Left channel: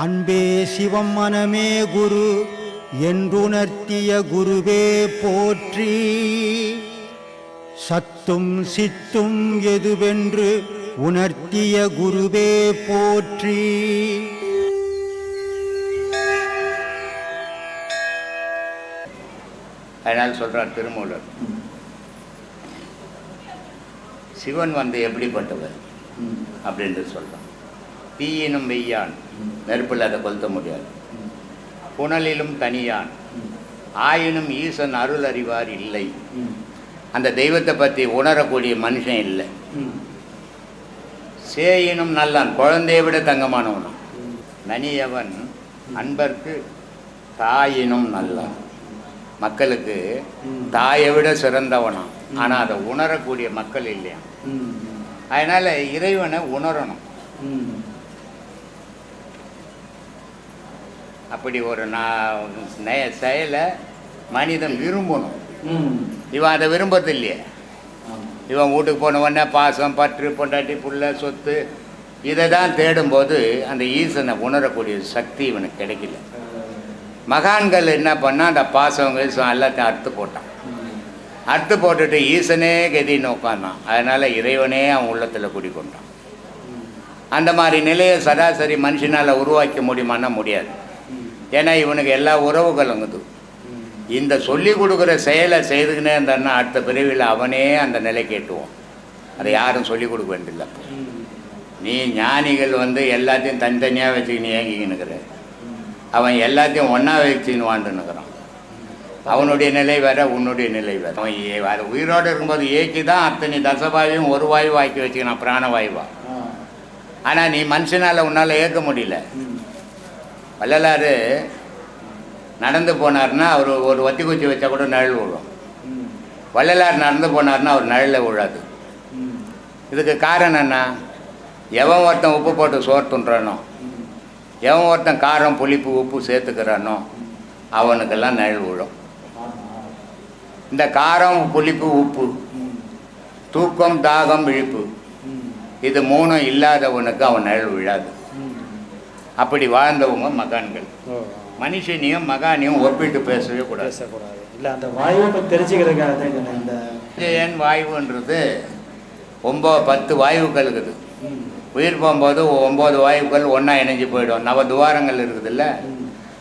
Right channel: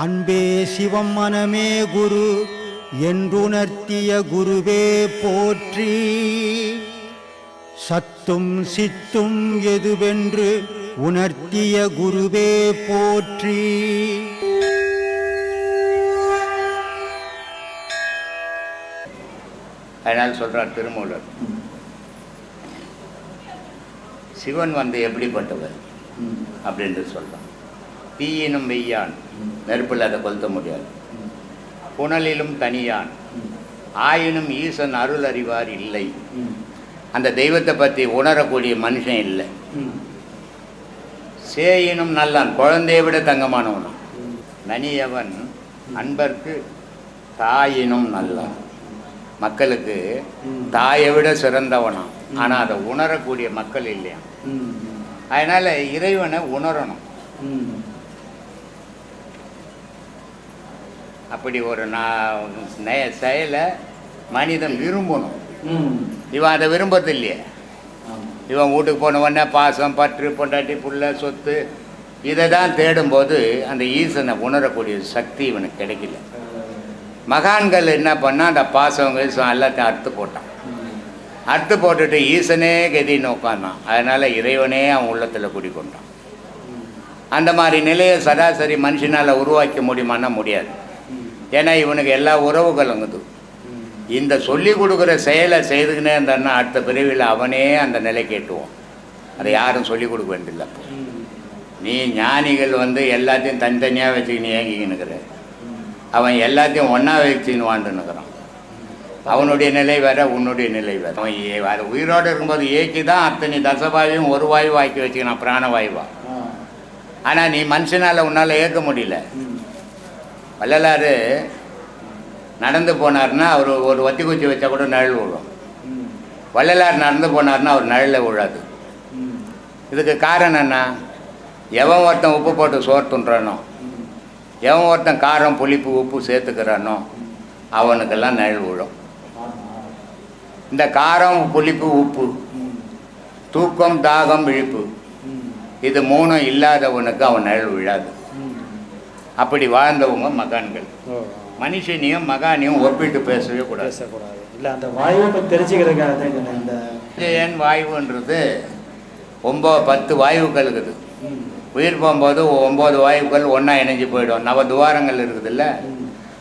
அன்பே சிவம் மனமே குரு என்றுணர்த்திய குருவே போற்றி. சத்தும் சித்தும் எதுவென்று உணர்த்திய குருவே போற்றி. அதனால் சொல்கிறார் திருமூலர் சிவன் வந்து எப்படிப்பட்டவர்? அப்படின்ட்டு சொல்கிறான் தீயினும் வெய்யான் நெருப்பில் அதை கொளுத்த முடியாது. புனலிலும் தனியான். ஆயினும் ஈசன் அருள் அறிவார் இல்லை. அந்த தெய்வத்தை பற்றி உணரக்கூடிய மனுஷன் இல்லை. சேயினும் நல்லான். குழந்தையை விட தங்கமானவனும் நனியவன் அன்பர்க்கு தாயினும் நல்லான். மக்களுக்கு தாயை விட சிறந்தவனாம் ஆனால் அதை உணரக்கூடிய மக்கள் இல்லையா அதனால் இறைவனை உணரணும். அப்படி ஒரு நான் செயலை மனிதன் விரும்பணும். இவன் அதை விரும்புறது இல்லையே இவன் வீட்டுக்கு போன உடனே பாசம் பற்று பொண்டாட்டி புள்ள சொத்து இதை தான் தேடும்போது அந்த ஈசனை உணரக்கூடிய சக்தி இவனுக்கு கிடைக்கல. மகான்கள் என்ன பண்ணா அந்த பாசம் கீசம் எல்லாத்தையும் அறுத்து போட்டான். அறுத்து போட்டுட்டு ஈசனே கதின்னு உட்காந்தான் அதனால் இறைவனே அவன் உள்ளத்தில் குடிக்கொண்டான் அந்த மாதிரி நிலையை சராசரி மனுஷனால் உருவாக்க முடியுமான்னா முடியாது. ஏன்னா இவனுக்கு எல்லா உறவுகளும் இருக்குது. இந்த சொல்லி கொடுக்குற செயலை செய்துக்கினே இருந்தான்னா அடுத்த பிரிவில் அவனே அந்த நிலை கேட்டுவோம் அதை யாரும் சொல்லி கொடுக்க வேண்டியதில்லை அப்போ. நீ ஞானிகள் வந்து எல்லாத்தையும் தனித்தனியாக வச்சுக்கின்னு ஏங்கிக்கினுக்கிற அவன் எல்லாத்தையும் ஒன்றா வச்சுன்னு வாழ்ந்துன்னுக்குறான் அவனுடைய நிலை வேற உன்னுடைய நிலை வேற. அவன் அது உயிரோடு இருக்கும்போது ஏக்கி தான் அத்தனை தசவாயும் ஒரு வாயு ஆக்கி வச்சுக்கிறான் பிராணவாயுவா ஆனால் நீ மனுஷனால் உன்னால் ஏற்க முடியல. வள்ளலார் நடந்து போனார்னா அவர் ஒரு வத்தி குச்சி வச்சா கூட நிழல் விழும். வள்ளலார் நடந்து போனார்னா அவர் நிழலில் விழாது. இதுக்கு காரணம் என்ன? எவன் ஒருத்தன் உப்பு போட்டு சோறு துண்டுறானோ எவன் ஒருத்தன் காரம் புளிப்பு உப்பு சேர்த்துக்கிறானோ அவனுக்கெல்லாம் நிழல் விழும். இந்த காரம் புளிப்பு உப்பு தூக்கம் தாகம் விழிப்பு இது மூணும் இல்லாதவனுக்கு அவன் நிழல் விழாது. அப்படி வாழ்ந்தவங்க மகான்கள். மனுஷனையும் மகானையும் ஒப்பிட்டு பேசவே கூடாது. பேசக்கூடாது. இல்லை அந்த வாயுவை தெரிஞ்சுக்கிறதுக்காக இந்த ஏன் வாயுன்றது ஒம்பது பத்து வாயுக்கள் இருக்குது. உயிர் போகும்போது ஒம்பது வாயுக்கள் ஒன்றா இணைஞ்சு போயிடும். நவ துவாரங்கள் இருக்குதுல்ல?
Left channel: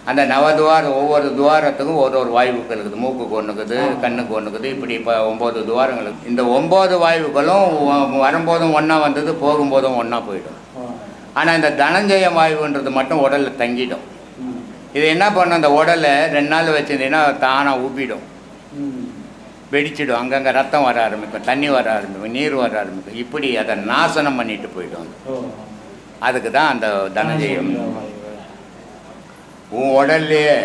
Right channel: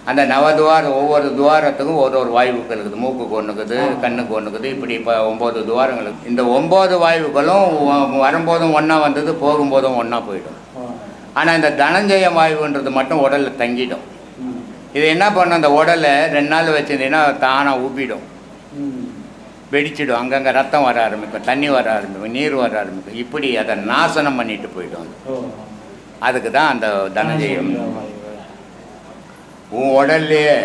அந்த நவதுவார ஒவ்வொரு துவாரத்துக்கும் ஒரு ஒரு வாயுக்கள் இருக்குது. மூக்குக்கு ஒன்று இருக்குது கண்ணுக்கு ஒன்று இருக்குது இப்படி இப்போ ஒம்பது துவாரங்கள் இந்த ஒம்பது வாயுக்களும் வரும்போதும் ஒன்றா வந்தது போகும்போதும் ஒன்றா போயிடும். ஆனால் இந்த தனஞ்சய வாயுன்றது மட்டும் உடலில் தங்கிடும். இது என்ன பண்ணும் அந்த உடலை ரெண்டு நாள் வச்சிருந்தீங்கன்னா தானாக உப்பிடும் ம். வெடிச்சிடும் அங்கங்கே ரத்தம் வர ஆரம்பிக்கும் தண்ணி வர ஆரம்பிக்கும் நீர் வர ஆரம்பிக்கும் இப்படி அதை நாசனம் பண்ணிட்டு போயிடும். அதுக்கு தான் அந்த தனஞ்சயம். உன் உடல்லையே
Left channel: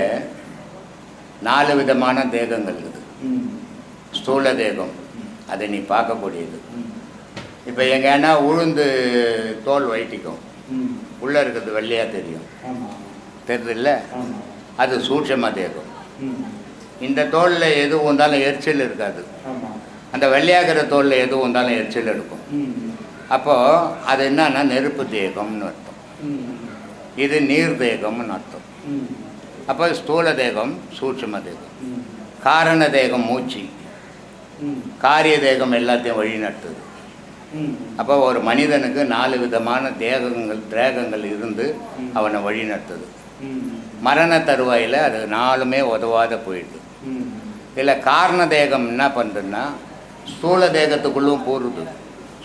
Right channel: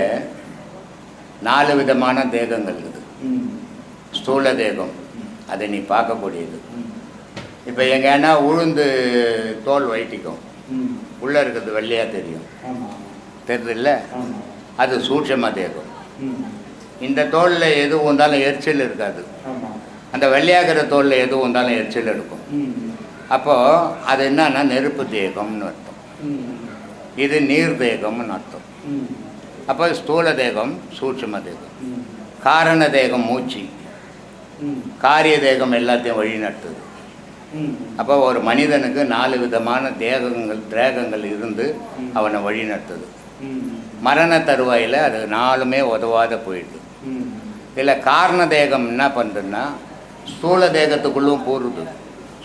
நாலு விதமான தேகங்கள் இருக்குது. ஸ்தூல தேகம் அதை நீ பார்க்கக்கூடியது. இப்போ எங்கன்னா உளுந்து தோல் வைட்டிக்கும் ம். உள்ளே இருக்கிறது வெள்ளையாக தெரியும். தெரியுதுல்ல. அது சூட்சம தேகம் ம். இந்த தோலில் எது வந்தாலும் எரிச்சல் இருக்காது. அந்த வெள்ளையாகிற தோலில் எது வந்தாலும் எரிச்சல் இருக்கும். அப்போது அது என்னன்னா நெருப்பு தேகம்னு அர்த்தம். இது நீர் தேகம்னு அர்த்தம். அப்போ ஸ்தூல தேகம் சூட்சும தேகம். காரண தேகம் மூச்சு. காரிய தேகம் எல்லாத்தையும் வழிநடத்துது ம். அப்போ ஒரு மனிதனுக்கு நாலு விதமான தேகங்கள் தேகங்கள் இருந்து அவனை வழிநடத்துது ம். மரண தருவாயில் அது நாலுமே உதவாத போயிடுது. இதில் காரண தேகம் என்ன பண்ணுதுன்னா ஸ்தூல தேகத்துக்குள்ளும் போடுது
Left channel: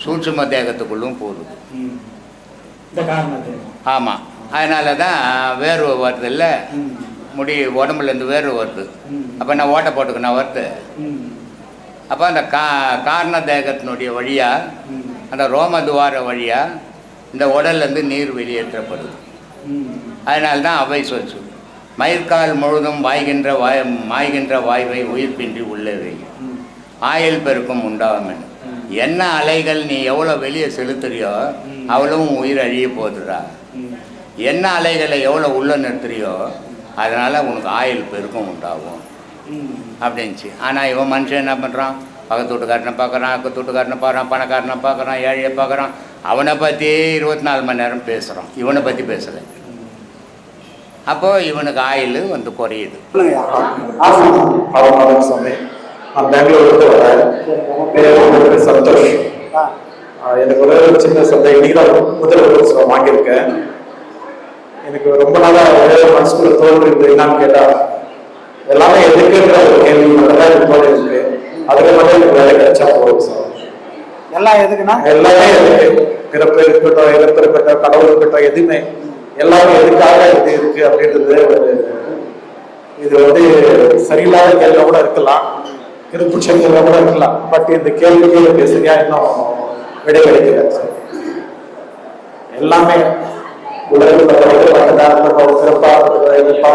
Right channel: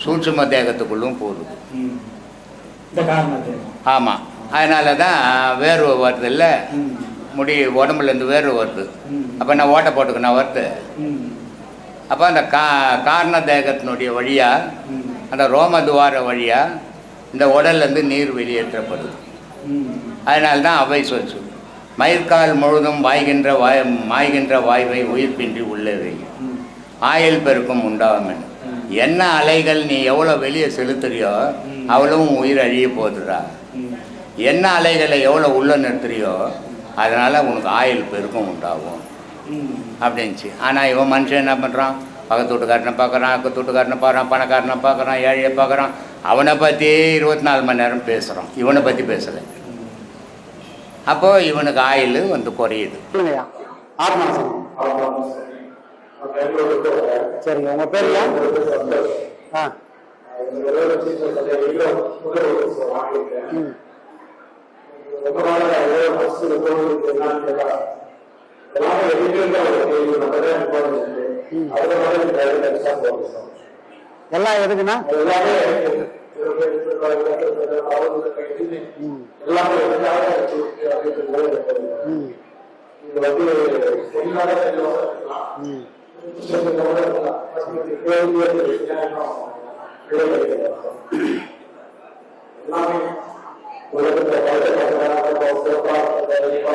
சூட்சும தேகத்துக்குள்ளும் போடுது ஆமாம் அதனால தான் வேர்வை வருது இல்லை. முடி உடம்புலேருந்து வேர்வை வருது. அப்போ நான் ஓட்டை போட்டுக்கணும் வருது. அப்போ அந்த கா காரண தேகத்தினுடைய வழியாக அந்த ரோம துவார வழியாக இந்த உடல்லேருந்து நீர் வெளியேற்றப்படுது. அதனால தான் அவை சொச்சு மயிர்கால் முழுதும் வாய்கின்ற வாய் மாய்கின்ற வாய்வை உயிர்ப்பின்றி உள்ளே ஆயில் பெருக்கம் பெருக்கும் உண்டாகும் என்ன அலைகள் நீ எவ்வளோ வெளியே செலுத்துறியோ அவ்வளவும் உயிர் அழிய போகுதுடா என்ன அலைகளை எவ்வளோ உள்ளே நிறுத்துறியோ அதனால் உனக்கு ஆயுள் பெருக்கம் உண்டாகும். அப்படின்ச்சு ஆனால் இவன் மனுஷன் என்ன பண்ணுறான் பக்கத்து வீட்டுக்காரனை பார்க்குறான் அக்கத்து வீட்டுக்காரனை பார்க்குறான் பணக்காரனை பார்க்குறான் ஏழையை பார்க்குறான். அவனை பற்றியே இருபத்தி நாலு மணி நேரம் பேசுகிறான் இவனை பற்றி பேசலை. அப்போ இவனுக்கு ஆயுள் வந்து குறையுது. சந்தோஷ். எனக்கு ஒரு சின்ன சந்தேகம். இன்னைக்கு தான் முதல் வாங்கியிருக்கேன். எனக்கு ரொம்ப நாளாக மனசுக்குள்ள தோன்றுறது என்னன்னு கேட்டா எல்லாமே எதுக்குன்ற ஒரு கேள்வி மட்டும் தான் இது மாதிரி இருக்கு அதுக்கு மட்டும் எனக்கு வேலை கிடைச்சா போதும் சார். எல்லாம் எதுக்குன்னா? எல்லாமே எதுக்கு பிறப்பு இருக்கட்டும் இறப்பு இருக்கட்டும் கடவுள் இருக்கட்டும் எதுவுமே. எல்லாமே எதுக்காக இது இருக்கு அப்படின்றது ஒரு இது வந்து சரியில்லாத கேள்வி கூட இருக்கலாம். திருப்புச்ச கேள்வி கூட இருக்கலாம். பட் இந்த கேள்விக்கு சரியா இன்னும் விடை கிடைக்கல சார். எல்லாமே உலகில் இருக்கட்டும்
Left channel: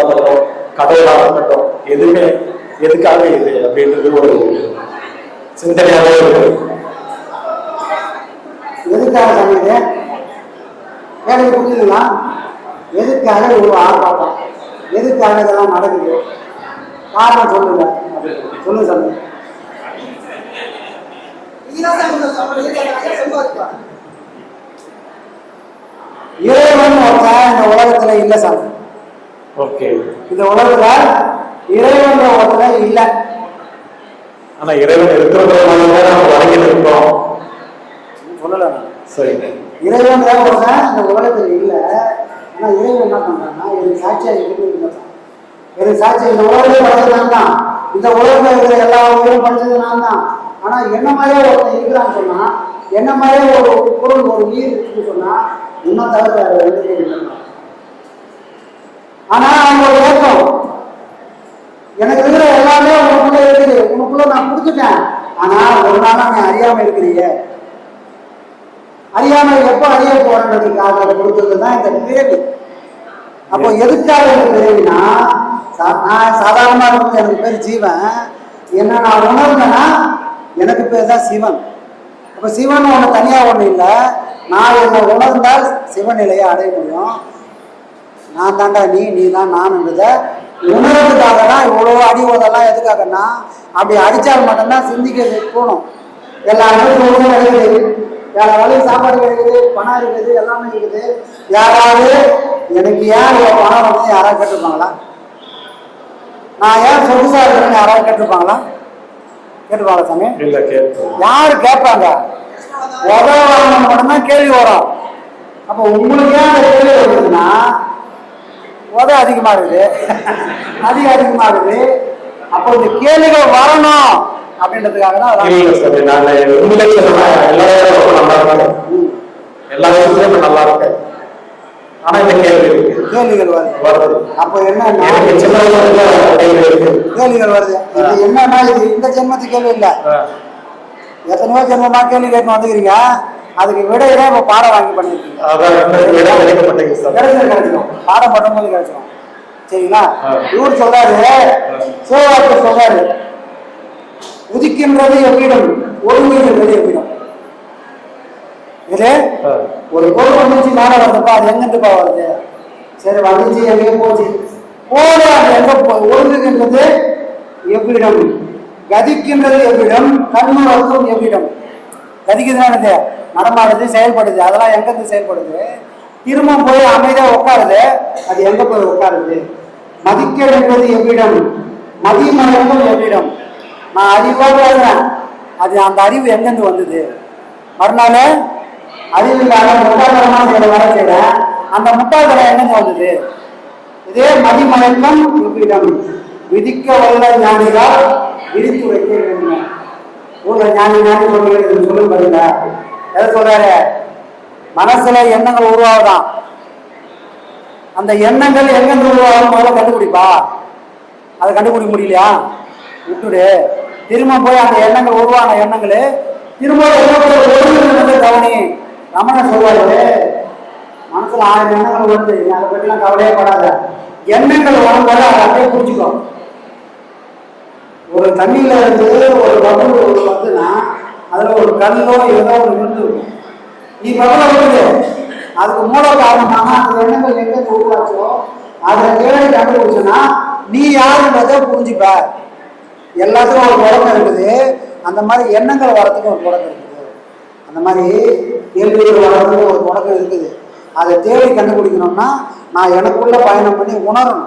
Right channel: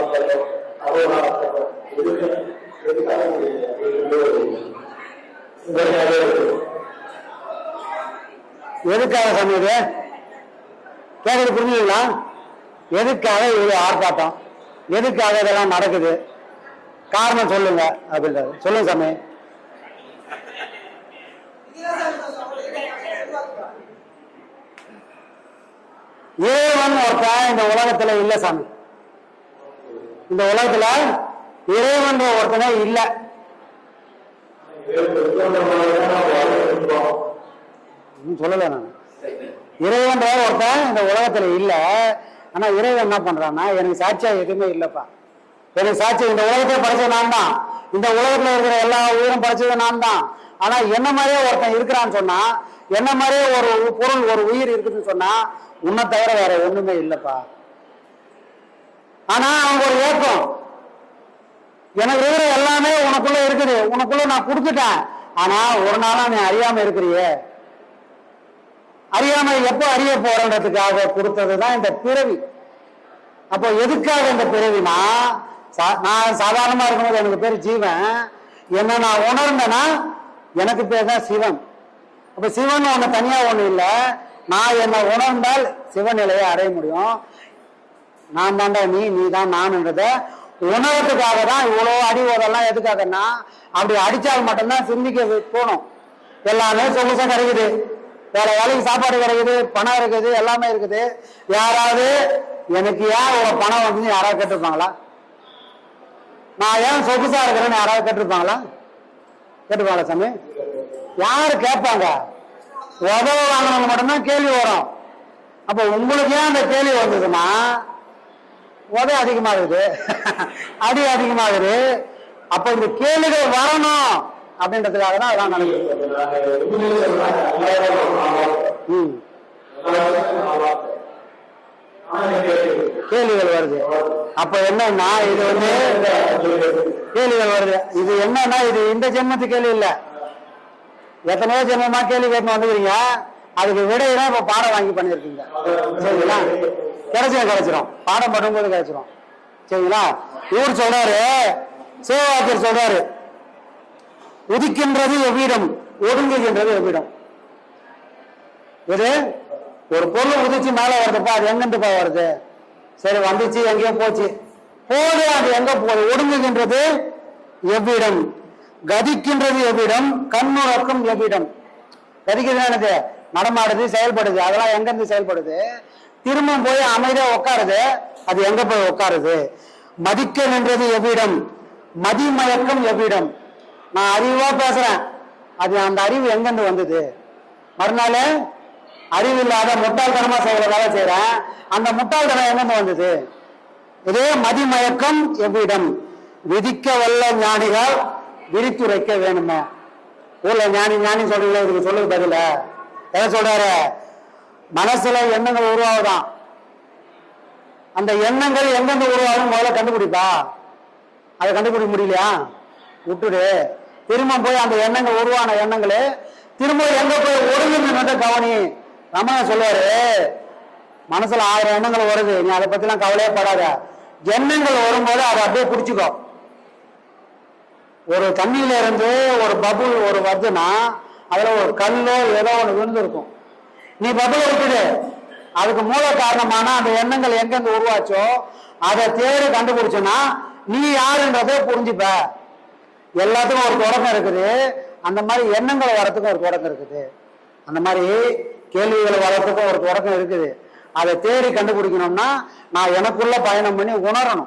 இருக்கட்டும். பிறப்பா இருக்கட்டும் எதுவுமே எதுக்காக இது அப்படின்றது ஒரு சிந்தனையாவே இருக்கு. எதுக்காக சொன்னது கேள்வி புரியுங்களா எதுக்காக இவ்வளோ ஆர்ப்பாட்டம்? எதுக்காக இதெல்லாம் நடக்குது? காரணம் சொல்லுங்க அப்படின்னு சொல்லுங்க சாமி. ஏவன் ஒருத்தன் இந்த உலகத்துல இல்ல சாமி? ஓகே. இந்த உலகத்துல இறைவன் ஒருத்தனை இல்ல. ஆனா இறைவன் இருக்கிறதுனால தான் நம்ம இருக்கோம். சொல்லல. சரி. இறைவன் வேற ஒருத்தன் இந்த உலகத்துல இல்ல. ஆனா இறைவன் என்ன பண்றான்னா எனக்கு சாட்சியா எதுவுமே இல்லப்பா. எனக்கு சாட்சி இந்த உலகத்தையும் படிச்சது நான் தான். இந்த உலகத்துல இருக்கிற எல்லா ஊரும் படிச்சது நான் தான். ஆனா என்ன மாதிரியே ஒருத்தன் இருக்கிறான்னு சொன்னா என்ன மாதிரியே ஒரு ஒரு பொருள் ஒரு உயிர் இருக்குன்னு சொன்னா உன்னை தவிர வேற ஒண்ணுமே இல்லப்பா. ஆனா அவங்க ஒரு எனக்கு இருக்கிற எல்லாமே உனக்குள்ள இருக்குது. உனக்குள்ள நான் கொடுத்துட்டேன் ஆனா ஒரு நாளா நீ அறியாம இருக்கிறியே. அறியாமை எப்போ அறிய போறதுக்காக கொடுத்தது தான் இந்த பிறவி. அப்போ எதுக்காக இந்த பிறவினா நான் சாதாரணமா எனக்கு பேர் ஜீவன். என்ன நான் உணர்ந்தேன்னா எனக்கு பேர் தான் சிவன். அப்ப சிவன் ஒண்ணு தனியா ஒண்ணு இல்ல. நான் என்னை உணர்ந்தால் சிவநிலையை அடைய முடியும். நான் தாண்டா நீ நீ தான் நான்ன்றத உணர்றதுக்காக தான் இவ்வளோ அடி ஓதெல்லாம் எதுக்காகன்னா அப்படி அடிச்சால் மட்டும்தான் சிந்திக்க தோணும். எல்லாமே சொல்லுங்க நடக்குது வேற வேலைக்கு சாப்பாடு கிடைக்குது பணம் இருக்குது எல்லாமே இருக்குது. யாராவது எனக்கு ஏன் இவ்வளோ பணம் வந்து யாராவது கேட்டிருப்பாங்களா? நான் ஏன் சொகுசா இருக்கிறேன்னு யாராவது கேட்டிருப்பாங்களா? கேட்டுப்பாங்களா சாமி? இல்ல யாரு கேட்பாங்க? உதவாங்க மட்டும்தான் கேள்வி வரும். அப்ப உங்களுக்கு ஏன் அந்த கேள்வி வருதுன்னா உத அதிகமாகுது அடி அதிகமாகுது அப்ப இந்த கேள்விகள் வரணும் அப்படின்றதுக்காக தான். எல்லா விஷயத்துலயும் நல்லா இருக்கேன் ஆனா இந்த கேள்வி இருக்கு. கேள்விகள் வருது. வருது. அப்ப என்னன்னா கேள்விகள் வருது. இது என்னன்னா இது இந்த ஜென்மத்து கேள்வி இல்ல. எத்தனையோ ஜென்மமா கேள்வி கேட்க வந்துக்கிறீங்க. அதுக்கு விடையில இப்ப பாடம் வாங்கி சார். கிடைச்சிடும் கிடைச்சிடும் பாடம் பண்ணும்போது கிடைச்சிடும் சரிங்களா. இவர் சொல்றாரு சிவவாக்கர் சொல்றாரு உதிக்கின்றது எவ்விடம் ஒடுங்குகின்றது எவ்விடம்? இது. ஒரு பொருள் வந்துச்சு மேல வருதுப்பா அது எங்கிருந்துப்பா வருது? சரி வந்துச்சு எங்கேயோ போச்சு. போல அது எங்க ஒடுங்குகின்றது எவ்விடம் கதிக்கின்றது எவ்விடம் கண்ணுறக்கும் எவ்விடம்? கதிக்குதுன்னா நடமாடுது செயல்படுது. அதெல்லாம் எங்கிருந்து செயல்படுது? திரும்ப போய் அமைதியா உட்காருது. அது எங்க போய் உட்காருது? மதிக்க வேண்டியது எவ்விடம்? மதிமயக்கும் எவ்விடம்? நான் அறிவா பேசுறேன். அது அந்த அறிவு எங்கிருந்து வந்தது? மறுநாள் அறிவு இல்லாத முட்டாள்தனமா செய்யற வேலை செய்யறேன் அந்த முட்டாள்தனம் எங்கிருந்து வந்தது? இதே மதிமயக்கம் எவ்விடம்? விதிக்க வல்ல ஞானிகள் விரித்துரைக்க வேண்டுமே. ஊர்ல ஞானி ஞானி சொல்லல இது சொல்லும் பதில. எதை சொல்றாரு? மனசுல எண்ணங்கள் உருவாகுதான். அந்த எண்ணங்கள் எங்கெங்க உருவாகும் முதல்ல கண்டுபிடிப்பா. அதை கண்டுபிடிக்க முடியலையா? விட்டுடு. திரும்ப போய் அந்த எண்ணங்கள் உருவான எண்ணங்கள் திரும்ப கவனி. ரமணன் சொல்லுவாரு. மனசுல ஆயிரம் எண்ணங்கள் வருது. நீ அதை பத்திலாம் கவலையே படாத. எண்ணங்கள் வரும்போது அதை அப்படியே பிடிச்சிக்கோ. ஒரு தண்ணியில இருந்து ஒரு பபுள் ஒரு வருதுன்னா அதுல ஒரு கல்லோ ஏதோ ஒரு விருந்து இருக்கும் நீ முதல்ல அதுக்கு மூல காரணமான அந்த எண்ணங்கள் எங்கெங்க உருவாச்சோ அதை தேடி கண்டுபிடிச்சுன்னா நீ யாருன்றதை புரிஞ்சுப்ப. எல்லாத்துக்கும் ஒரு தொடக்கம் இருக்குது. அந்த மாதிரி எண்ணங்கள் வரத்துக்கு ஒரு தொடக்கம் இருக்குது. அந்த மாதிரி கேள்விகள் வர்றதுக்கு ஒரு தொடக்கம் இருக்குது. அதை தேடி கண்டுபிடிக்கணும்னா நான் எனக்குள்ள பயணம் பண்ணி உணரணும்.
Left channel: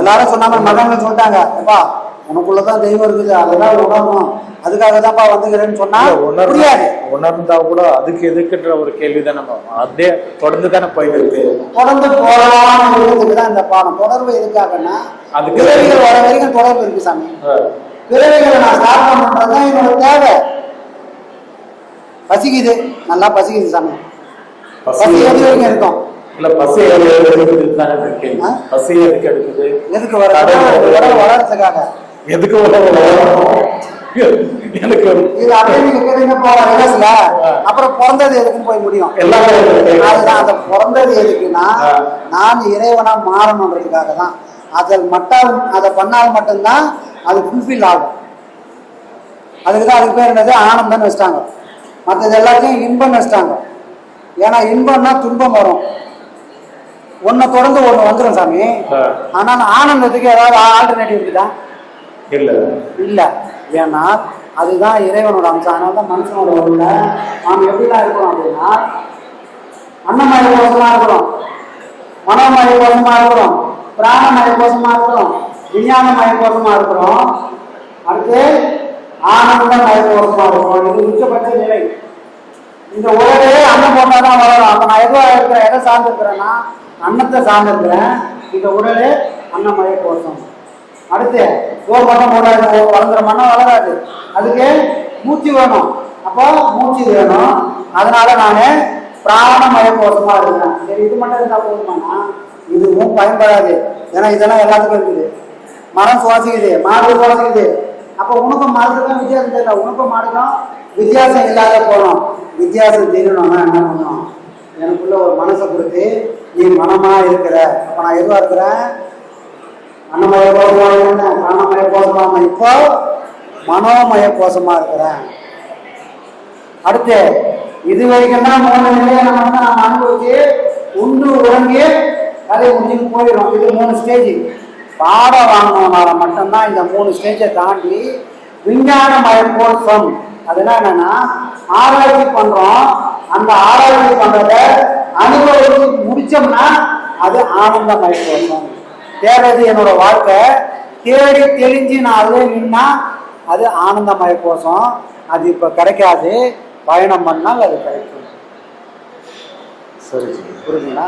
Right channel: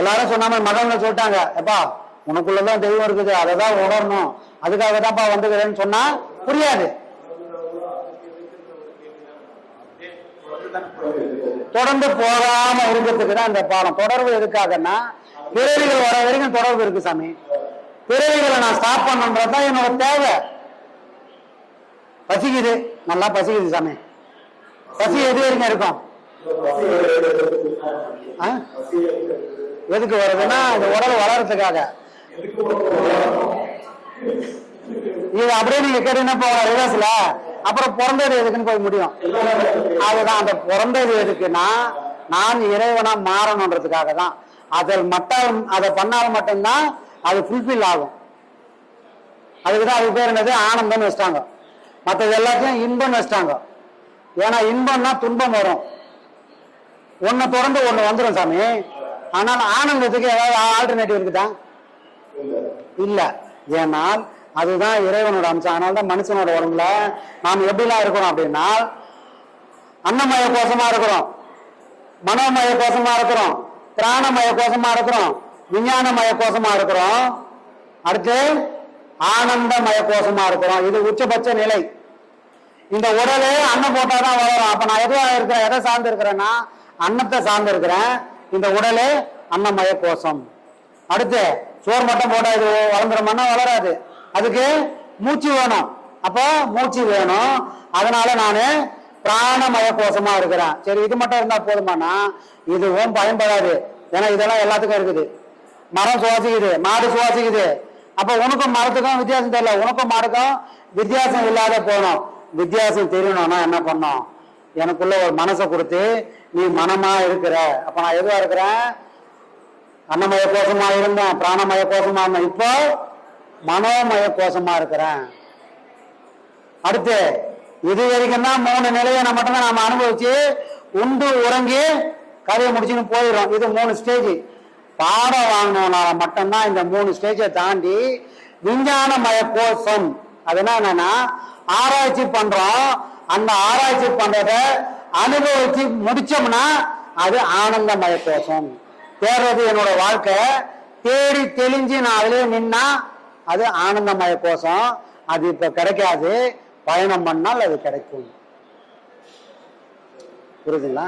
எல்லாரும் சொன்னாங்க மகன்கள் சொல்லிட்டாங்க அப்பா உனக்குள்ளதான் தெய்வம் இருக்குது அதை தான் உணரணும். அதுக்காக தான்ப்பா வந்துக்கிறேன்னு சொன்னா புரியாது. உணர்ந்தா கூட அதுக்கு எதுக்குன்ற ஒரு கேள்வி தான் நம்ம அதே தொடர்ந்து தானே போயிட்டு இருக்கு. தொடர்ந்து உள்ளதுக்கு தான் இந்த பாடம் தொடர்பு எதுக்காகன்னா அதுக்கு- பிறவிகள் வர வரைக்கும் தொடர்பு இருக்கு சாமி. பிறவிகளை நான் ஸ்டார்ட் பண்றதுதான் என்னோட தேவை. பசிக்குது. நல்லா பசிக்குது சாமி. பசி எது வரைக்கும் இருக்கும்? இல்ல பசி எது எடுக்குது? பசி எதுக்கு எடுக்குது? எதுக்கு வர வளர்றதுக்காக. எதுக்கு? எனக்கு அப்புறம் பிறந்தது எதுக்குன்னு போய் முடியும். அதுதான் அந்த பிறந்தது எதுக்குன்னா. நான் இறைவனா மாறணுன்றதுக்காக தான். அதில் மட்டும் அதை பண்ணால் மட்டும்தான் அது ஃபுல்ஃபில் ஆகும். அதுக்கு தான் அதுக்கு பேர் என்னது? ஆனந்தம்னு வச்சிட்டாங்க. மற்றது எல்லாத்தையும் இன்பம்னு வச்சிட்டாங்க. ஏன்னா இன்பம்னா துன்பம் வரும். ஒன்னை தொடர்ந்து ஒண்ணு வந்துடும் சாமி. ஆனால் ஆனந்தத்துக்கு ஏதாவது ஆல்டர்னேட்டிவ் இருக்குதா? இல்ல. இல்ல. ஏன்னா அதுதான் இறைவனோட அம்சம். அதனால தான் மனுஷனோட உள்ள நாம் எப்படிலாம் இருக்கணும் அப்படின்னா அன்னமய கோஷமா இருக்கிறோம் மனோமய கோஷமா இருக்கிறோம் பிராணமய கோஷமா இருக்கிறோம் விஞ்ஞானமய கோஷமா இருக்கிறோம் அடுத்து ஆனந்தமய கோஷமா இருக்கிறோம் இது உச்சபட்ச நிலை. இந்த உலகே அன்னம் போட்டாதான் வளரும். அப்ப நான் எதுவா இருக்கிறேன்? எதை சார்ந்து இருக்கிறேன்னா அன்னத்தை சார்ந்து இருக்கிறேன் இந்த உடலே அன்னமய கோஷம். அடுத்து சோறு மட்டும் போடாது வளர்ந்துறோம்னா வளராது. அதுக்கு மூச்சு வேணும். அப்போ மூச்சு வேணும். அதனால நான் பிராணமய கோஷமா இருக்கிறேன். சரி இது மட்டும் இருந்தா போதுமானா இதுவும் பயன்படாது. ஏன்னா இதெல்லாம் எல்லாத்துக்கும் இருக்குது. மரம் சுவாசிக்குது மாடு சுவாசிக்குது. அப்ப உனக்கும் மரத்துக்கும் வித்தியாசம் தெரியல. உனக்கும் மாடுக்கும் வித்தியாசம் இல்லாத போகணும் வித்தியாசம் தெரியணும்னா என்ன பண்ணும்? எனக்குள்ள ஒரு மனசை கொடுத்து நீ மனமா இருக்கிற அப்ப நான் எதுவா இருக்கிறேன்? அன்னமய கோஷமா இருந்தேன் பிராணமய கோஷமா இப்போ மனோமய கோஷமா இருக்கிறேன் அடுத்து இது வரைக்கும் தான் மூணு நிலையை நம்ம தான் நம்ம அனுபவிச்சு உண்டு உறங்கி கதை முடிச்சுன்னு போயிடும் இது மூணு ஸ்டேஜ் பாடம் வாங்கினதுனால மட்டும்தான் இந்த மூணு ஸ்டேஜை தாண்டி விஞ்ஞானமய கோஷம் அது என்னன்னா ஆராய்ச்சி பண்றோம். அந்த ஆராய்ச்சி பண்றத அனுபவிச்சு முடிச்சோம்னா அது ஆனந்தமய கோஷம் தேடுறது என்னோட வாழ்க்கை. தேடி தெரிஞ்சு நான் அதுவே நின்னா அது ஆனந்தமய கோஷம் அது இப்ப கிடைக்காது. பயணம் பண்ணால் அது கிடைக்கும். சரி புரியுதுங்களா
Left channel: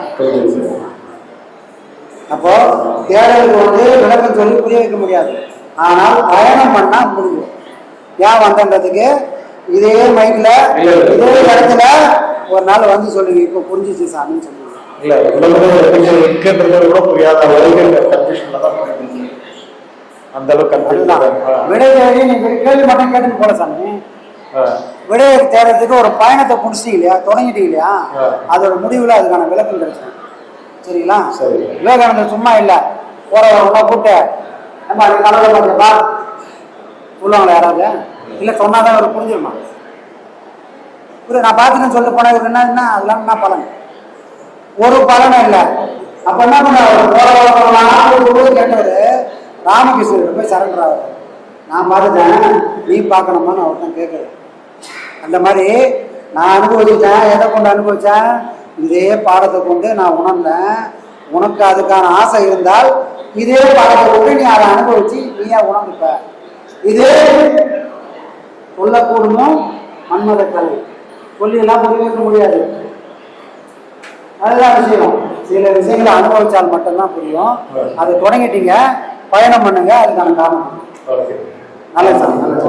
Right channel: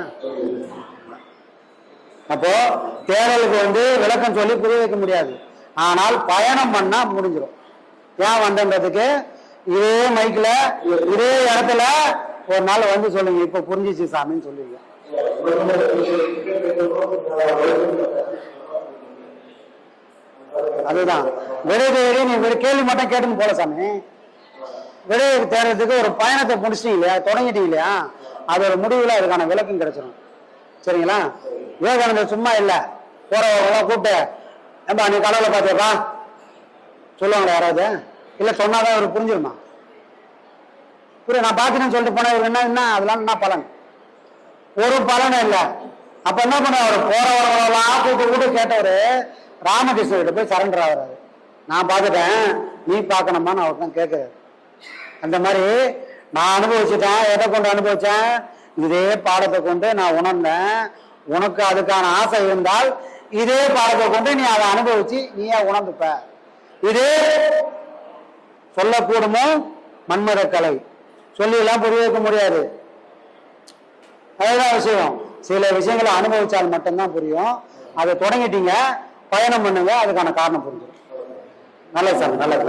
அப்போ தேடலுக்கு வந்து விளக்கம் சொல்லி புரிய வைக்க முடியாது. ஆனால் பயணம் பண்ணா முடிஞ்சிடும். ஏன் வந்தன்றதுக்கு? இதே மைக்ல. இதே இடத்துல ஒரு நாள் வந்து சொல்லுங்க. இப்ப புரிஞ்சிச்சு சாமின்னு சொல்லுங்க. இல்ல எதுக்கு இருக்குன்றது கூட புரியாத அளவுக்கு கன்ஃபியூஷன்ல தான் போயிட்டு இருக்கு. அந்த அளவுக்கு கன்ஃபியூஷன் நீ கேள்வி மட்டும் கேட்டுன்னு போல சாமி. விடையை தேடுறதுக்கு ஒரு பயணத்தை முடிச்சிட்டீங்க இல்லையா? தொடங்கிட்டீங்க இல்லையா. அதோட முடிவுல அதுக்கான விளக்கம் கிடைச்சிடும் சரிங்களா? சரி. விவேகானந்தர் சும்மா இல்ல. போறவங்க கூப்பிட்டு ஏம்பா நீ கனவுல பார்த்தியாப்பா? சொல்லுவாங்களா யாராவது? இல்ல சொன்னாதான் அவருக்கு புரிஞ்சிருமா? புரிய நான் பார்த்துட்டேன்னு சொல்லிட்டு போனா என்ன என்ன அதெல்லாம் என்ன பலன்? ஒரு பலனும் இல்ல. அப்ப என்ன பண்ணாரு? போறவங்க கேட்டாரு போய் சரண்டர் ஆகுது நான் பார்த்துட்டேன் நீ பார்க்கணுமான்னு அவர்கிட்ட கேட்குறேன் அந்த மாதிரி நான் அனுபவிச்சுட்டேன் எதை கொண்டு அனுபவிச்சேன்? இதே பாடத்தை கொண்டு நான் உணர்ந்தேன். உனக்கு அதுக்கான ஆசை இருந்தால் இதே பாடத்தை கொண்டு நீ அதை அனுபவிச்சு நீயே உணர்ந்துப்ப. இதே சொல்லக்கூடுமே மன்மத கலை. சொல்லிலாம் புரிய வைக்க முடியாது. அதுதான் விஷயம். சில விஷயங்களை அனுபவிச்சால் மட்டும்தான் புரியும். அதை தொடங்கிட்டீங்க பயணம் பண்ணுங்க அதுக்கான காரணம் ஓகே. நல்லது சார் நல்லது.